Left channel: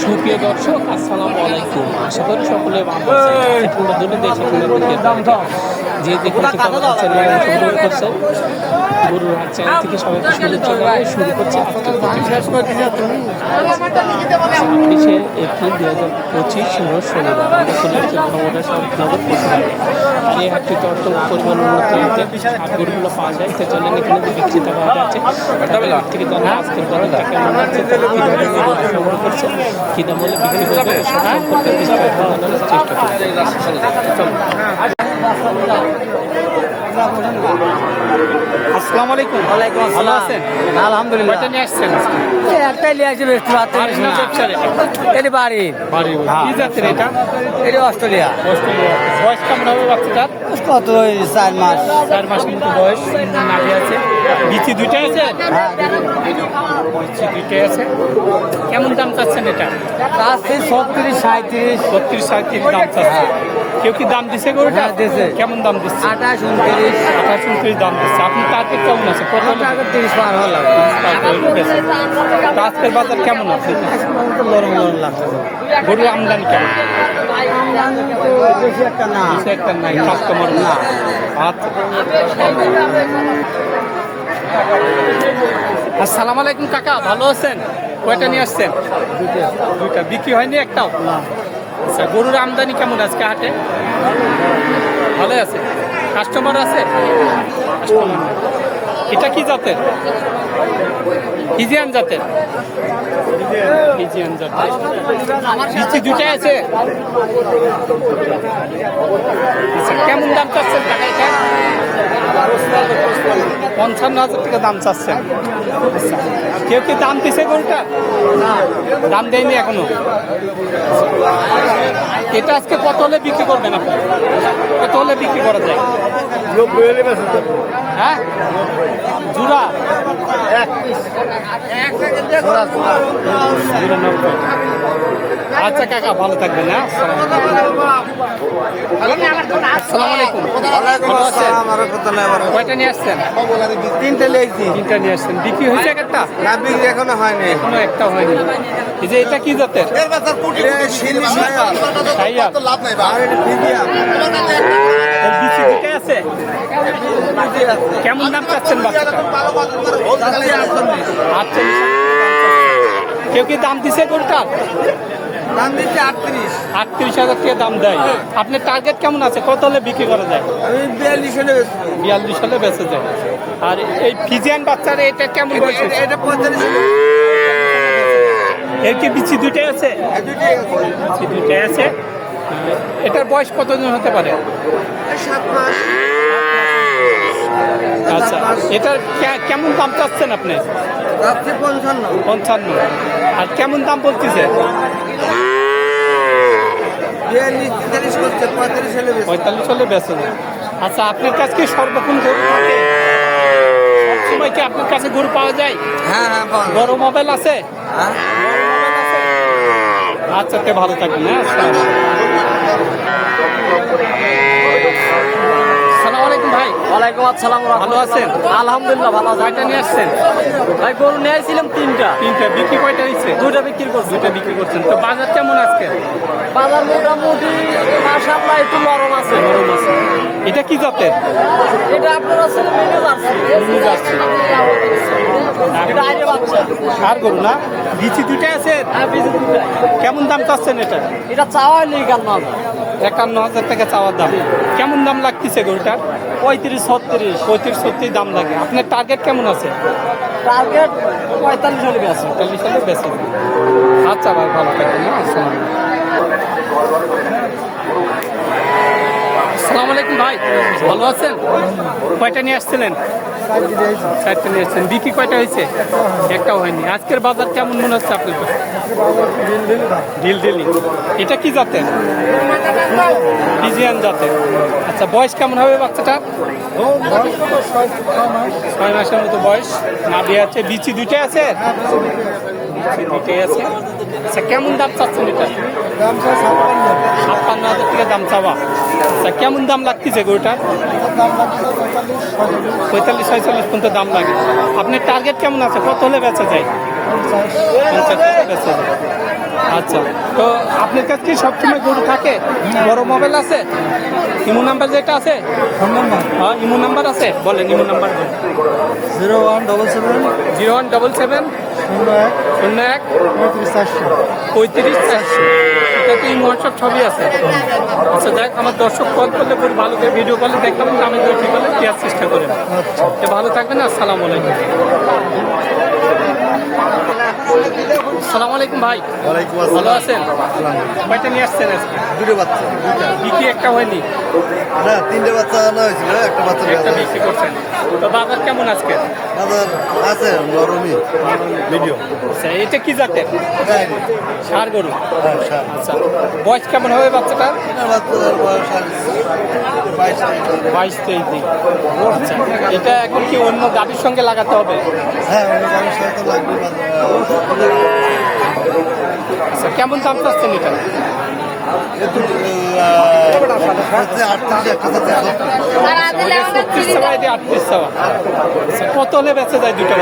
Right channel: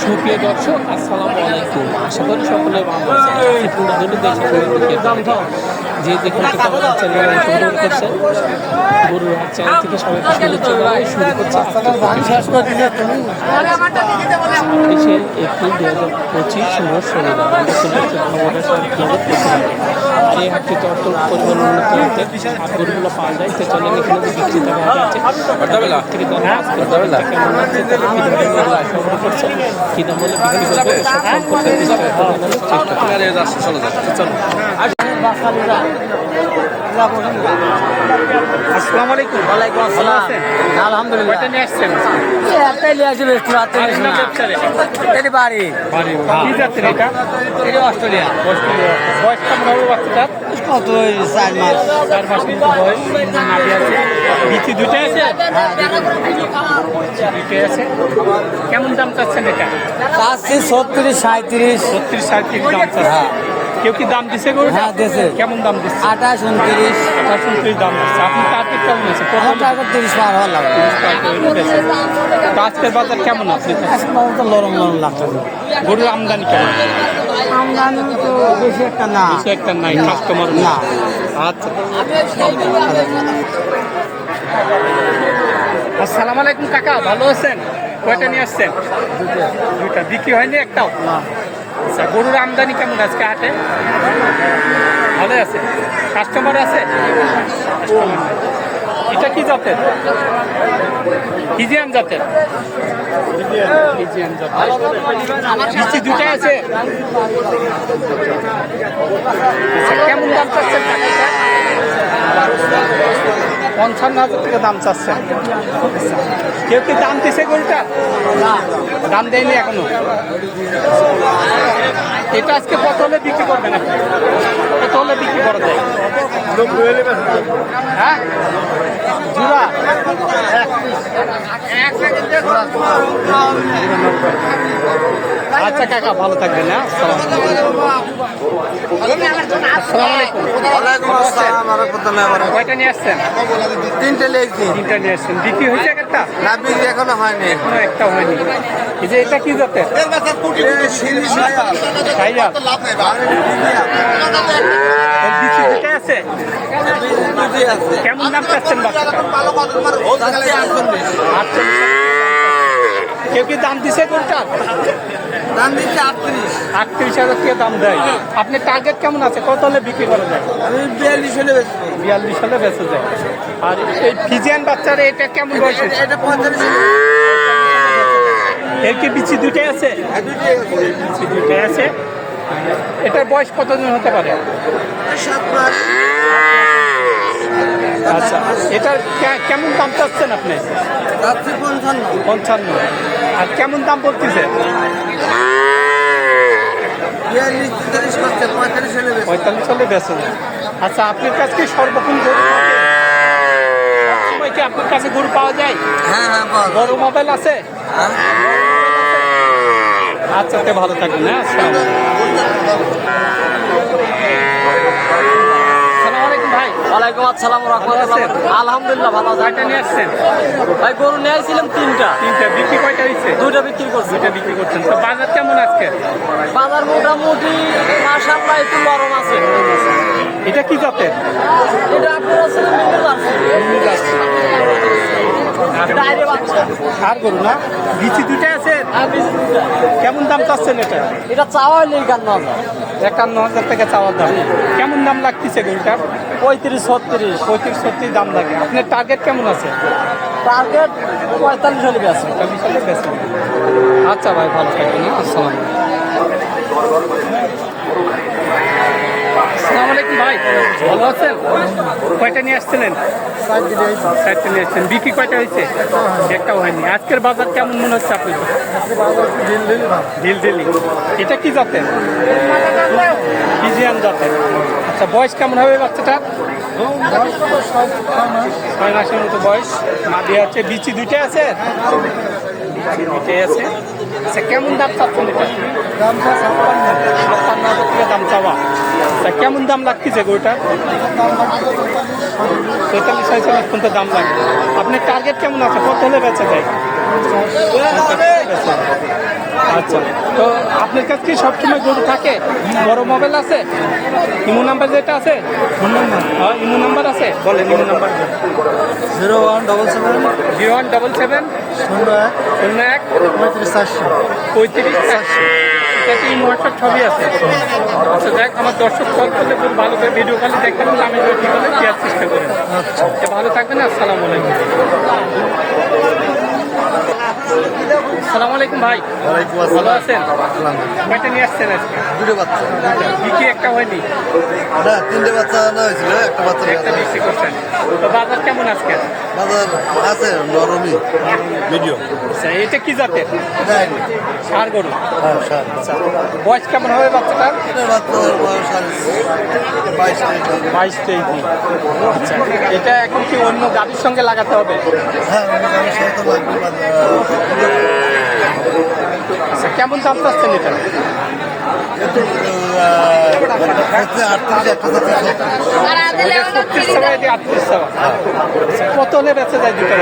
সুপ্রিয় দর্শক, আসসালামু আলাইকুম। আশা করি সকলে ভালো আছেন। পুরো দুটো দেশে পুরো দেশের বাইরে যে যেখান থেকে আমাদের চ্যানেলে অংশগ্রহণ করছেন গরুর হাট চ্যানেল থেকে সবাইকে শুভেচ্ছা জানাই শুরু করছে আজকে ছাব্বিশে এপ্রিল দু হাজার পঁচিশ শনিবার। আমরা চলে এসেছি নগর পশুরহাটে আর এই হাটটিতে অর্থ পরিমাণ উন্নত হতে আর গরুগুলো পাওয়া যায়। তো চলেন এখানে যে বিক্রেতা ভাইরা আছে, তাদের থেকে জানব আজকের বাজারটা কেমন যাচ্ছে তারা কী ধরনের গরু সংগ্রহ করছে, কী দাম হলে বিক্রি করবে, এসব সম্পর্কে বিস্তারিত জানানোর চেষ্টা করবে। চলো আসসালামু আলাইকুম। ওয়ালাইকুম ভালো আসসালাম। আছেন? আলহামদুলিল্লাহ। কয়টা নিয়ে আসছেন? এই একটাই নিয়ে আসবে একটু রাত্রে না ব্যবসার এটা? এটি বাড়ি। বাড়ি কি জাতের এটা? এটি অস্ট্রেলিয়া। অস্ট্রেলিয়া। বয়স কেমন হবে বাচ্চাটার? কত চার মাস। চার মাস মতো বয়স। নাভি আছে। বিচি দুইটা আছে? বিচি দুইটা আছে। কেমন দাম চাচ্ছেন এটা? ছত্রিশ সাঁত্রিশ বত্রিশ সাড়ে দাম চাচ্ছে কেউ কি দাম দিছে গরুটা? হ্যাঁ। কেমন দাম দিচ্ছে? আঠাশ উনত্রিশ। আঠাশ উনত্রিশ দাম দিচ্ছে। আপনি টার্গেট কেমন আছে? তিরিশ পার হওয়ার লাগবে। আজকের বাজার কেমন আপনি নরম নরম লাগছে গরুর আমদানি কেমন? বেশি একটা না। নাই কাস্টমার না। আচ্ছা। আসসালামু আলাইকুম কাকা ভালো আছেন? কয়টা নিয়ে আসছেন? দুইটা। বিক্রি হয়নি একটাও? আচ্ছা গরুর আমদানি কেমন আজকে হাটে? ভালো আছে। কাস্টমার আছে? এটা কি জাতের? ফিজিয়ান জাতের? জাতের। নিচে দুটা আছে। আচ্ছা কেমন দাম চাচ্ছেন পঞ্চান্ন হাজার টাকা দাম চাচ্ছেন। আচ্ছা কেউ কি দাম দিছে গরুটা না, দাম দেয়নি এখনও। এটা আজকে কত হলে বিক্রি করবেন আপনি। কত হলে বিক্রি করা যায়। হ্যাঁ? জুড়া আচ্ছা কাকা, ভালো থাকবেন হ্যাঁ? আসসালামু আলাইকুম ভালো আছেন? কয়টা নিয়ে আসছেন? তিনটে লেগছি। তিনটা নিয়ে আসছেন। বিক্রি হয়েছে একটা? না বিক্রি এখনও হয়নি। এখনও একটা হয়নি। এই যে এটা কি সাইয়াল দুটাই আছে? কেমন দাম চাচ্ছেন বাচ্চাটা আচ্ছা কেউ কি দাম দিছে কোনটার দাম দিচ্ছে আটত্রিশ। আটত্রিশ হাজার টাকা দাম দেয়। আপনার টার্গেট কেমন আছে? কত হলে বিক্রি করা যায়? আমি বিয়াল্লিশ হলে বিয়াল্লিশ হলে বেঁচে যায়। আর এই ফিজিয়ান বাচ্চার এটা কেমন বয়স? এটা পঁয়তাল্লিশ এর কি বিচি দুটাই আছে? বিচি দুটাই আছে। এটার বয়স কতদিন হতে পারে? আচ্ছা এটার কেমন দাম চাচ্ছেন আপনি? পঞ্চান্ন। পঞ্চান্ন। আর কেমন দাম বলতেছে? পঁয়তাল্লিশ হলে হলে আচ্ছা আপনার কাছে কি সর্বক্ষণ গরু সবসময় কি আপনার কাছে গরু পাওয়া যায়? হ্যাঁ হ্যাঁ বড় মোবাইল আছে? আচ্ছা তে ভালো থাকবেন হ্যাঁ আসসালামু আলাইকুম ভাই। ওয়ালাইকুম আসসালাম ভালো আছেন? আলহামদুলিল্লাহ ভালো কয়টা নিয়ে আসছেন? ভাই গরু নিয়ে আইছিলাম তিনটা। তিনটা। বিক্রি কয়টা হয়েছে দুইটা বিক্রি করছি। দুইটা বিক্রি করছেন। তো বাজার কেমন আজকে? বাজার মোটামুটি মাসাল্লাহ একটু নরম আছে। গরম আছে। এটা কি জাতের? এটা আপনার আর গরু না? বিচি দুইটা আছে? হ্যাঁ কেমন দাম চাচ্ছেন এটা? এটা চাওয়া হইলে একান্ন হাজার। একান্ন হাজার টাকা চাওয়ার দাম। কেমন দাম লাগতেছে গরুটা পঁয়ত্রিশ ছত্রিশ পঁয়ত্রিশ ছত্রিশ দাম লাগে। আপনার টার্গেট কেমন আছে? টার্গেট পঁয়তাল্লিশ হলে বেশি চল্লিশ হলে বেশি আচ্ছা ভাই ভালো থাকবেন হ্যাঁ? আসসালাম আসসালামু আলাইকুম ভাই। ভালো আছেন? কয়টা নিয়ে আসছিলেন? বিক্রি কয়টা হয়েছে? একটাও হয়নি। আজকের বাজার কেমন মনে হচ্ছে আপনার এটা কি জাতের? ফিজিয়ান জাতের। আচ্ছা বয়স কেমন হবে বাচ্চাটার ছয় মাসের মতো বয়স। নাভি আছে, বিচি দুইটা আছে? বিচি দুইটাই আছে। আচ্ছা কেমন দাম চাচ্ছেন এটা? ছাপ্পান্ন হাজার টাকা দাম চাওয়া। আচ্ছা কেমন দাম লাগতেছে গরুটার পঁয়তাল্লিশ ছয়চল্লিশ পর্যন্ত দাম লাগে। আপনার টার্গেট কেমন আছে? কত হলে বেচা যায়। আচ্ছা তো আপনার কাছে কি সবসময় গরু থাকে? বড় মোবাইল আছে? ইমো নাম্বার যেটা আছে? Phone number. হ্যাঁ ইমো নাম্বার আছে? বলেন Imo number. Zero one double seven. Zero one double seven. শূন্য এক। শূন্য এক। পঁয়ত্রিশ চারশো। পঁয়ত্রিশ চারশো। ইমো হোয়াটসঅ্যাপ ছবি আছে। আচ্ছা দেখ আমার দর্শক কল করলে খুব ভালো করে ভিডিও কলে দেখলাম আমি তো ঠিক হলে দেওয়ার চেষ্টা করি। তো ভালো থাকবেন আসসালামু আলাইকুম। আসসালামু আলাইকুম ভাই। ওয়ালাইকুম ভালো আছেন? কয়টা নিয়ে আসছেন আজকে? দুটো বাচ্চা। বিক্রি একটা হয়নি? না তিনটে বাচ্চা আনা হয়েছিল একটা বাচ্চা একটা বিক্রি করছেন। তো বাজার কেমন আজকে? বাজার আছে নরমি মিডিয়াম। আচ্ছা এটা কি জাতের? সার। গরু। হ্যাঁ স্যার আচ্ছা বয়স কেমন হবে বাচ্চাটার? বাচ্চাদের বয়স বাইশ বাইশ তেইশ দিন। আচ্ছা এটা এখন কি অন্য গাড়ির সঙ্গে লাগাতে হবে? হ্যাঁ অন্য কারোর সাথে তো লাগবে আচ্ছা কেমন দাম চাচ্ছেন এটা? আচ্ছা কত বেঁচে যায় দুটো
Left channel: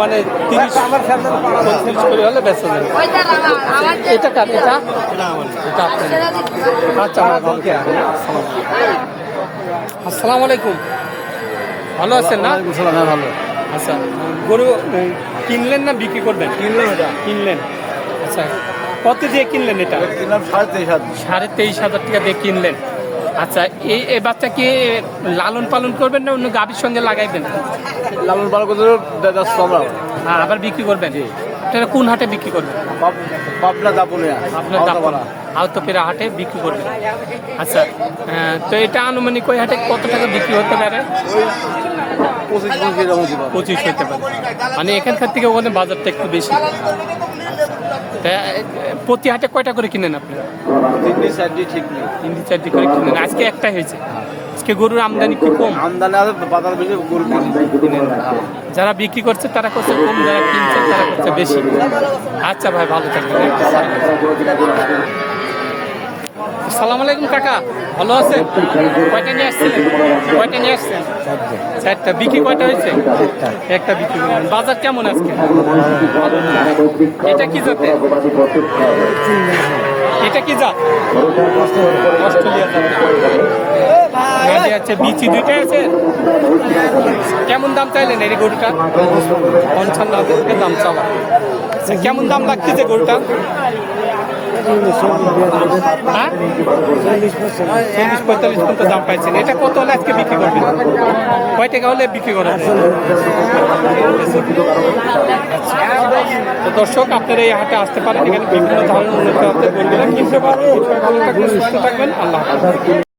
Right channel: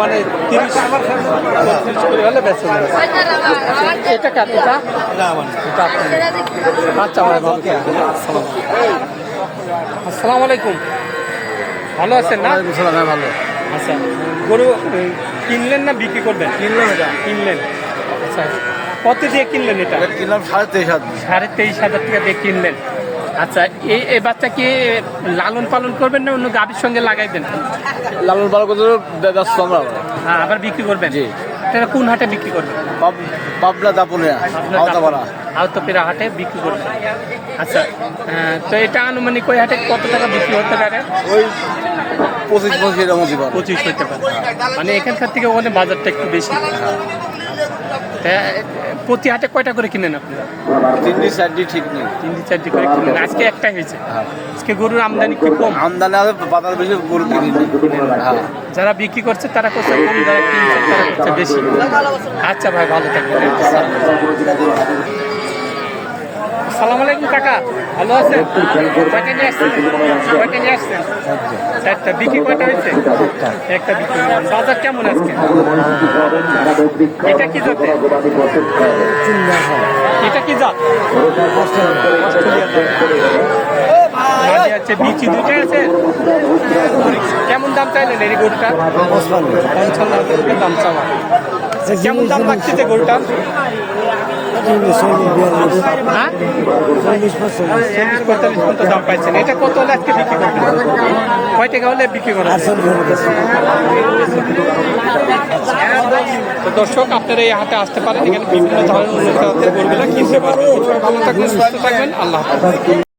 মানে তিরিশ হলে এটা আচ্ছা ভাই আসসালামু আলাইকুম। ভালো আছেন না? ভালো আচ্ছা গরু কিনলেন না বিক্রি করবেন? কিনলেন এটা। কিনলেন। আচ্ছা কত দিয়ে কিনলেন এটা? কিনলাম সাড়ে তেইশ হাজার। সাড়ে তেইশ হাজার টাকা দিয়ে কিনলেন। আচ্ছা এই এই বাচ্চা কি লালন পালন করবেন না অন্য গাভীর সঙ্গে লাগাইবেন লালন পালন আমরা। হ্যাঁ আবার বিক্রি করবেন? এটা কোন হাটে বিক্রি করবেন? আপনার হাটে বিক্রি করবেন আচ্ছা তো এটা আনুমানিক ওই হাটে কত টাকা বিক্রি হতে পারে? পঁচিশ হতে পারে। মানে এখানকার থেকে ওখানে বাজারটা একটু বেশি। তা, প্রতি হাটে কয়টা করে কিনেন আপনারা তিনটি চারটি ঠিক নেই। তিনটি চারটি করে কিনেন। আজকে একটাই হয়েছে। আজকে গরুর আমদানি কি কম? আমদানি আছে বাজার বেশি গরু যারা বিক্রি করছে তারা করছে কম যারা কিনছে তারা করছে বেশি। আচ্ছা ভাই ভালো থাকবেন। সালাম আলাইকুম, কাকা। ভালো আছেন? কয়টা নিয়ে আসছেন কয়টা নিয়ে আসছেন? চারটা। বিক্রি কয়টা হয়েছে? একটা বিক্রি বাজার কেমন আজকে? এটা কি জাতে এটা কি জাত? অস্ট্রেলিয়া আছে বিচি দুইটা আছে। কেমন দাম চাইলেন এই গরুটা? পঞ্চান্ন দাম চাওয়া। কেমন দাম লাগতেছে গরুটার হ্যাঁ চল্লিশ পঁয়তাল্লিশ পর্যন্ত দাম এটা কত হলে আজকে বিক্রি হলে বিক্রি করা দর্শক, আপনারা এই হাটে আসতে পারেন। এখানে বিভিন্ন ধরনের উন্নত গরুগুলো কিনতে পারবেন। ভালো থাকবেন, সুস্থ থাকবেন। আল্লাহ